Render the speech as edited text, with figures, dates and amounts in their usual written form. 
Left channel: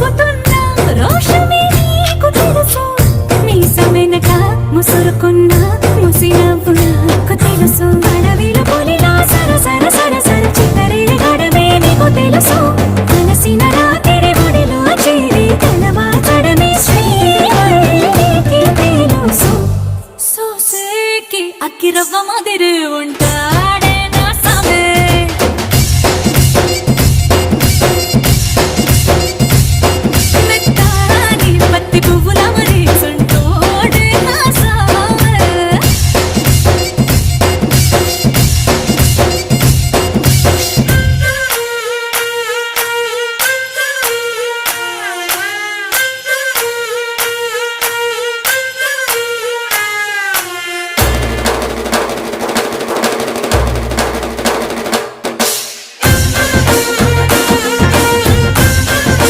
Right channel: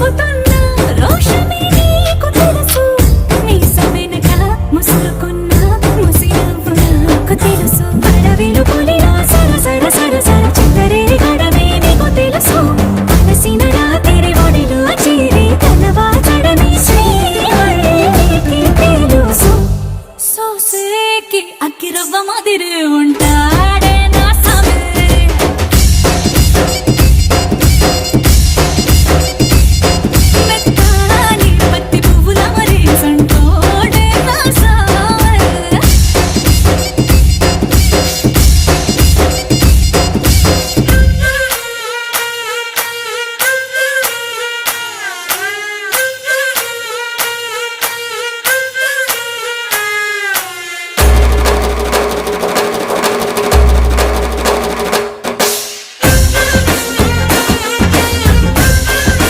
చూపుతున్న రోషమే నీకు తెలుసు మీసమెనక ముసురుకున్న ముసి నవ్వు నాకు తెలుసు అడవిలో పులిలా సర సర సర సర చిల్లరే గడమే నీకు తెలుసు అలసిన రా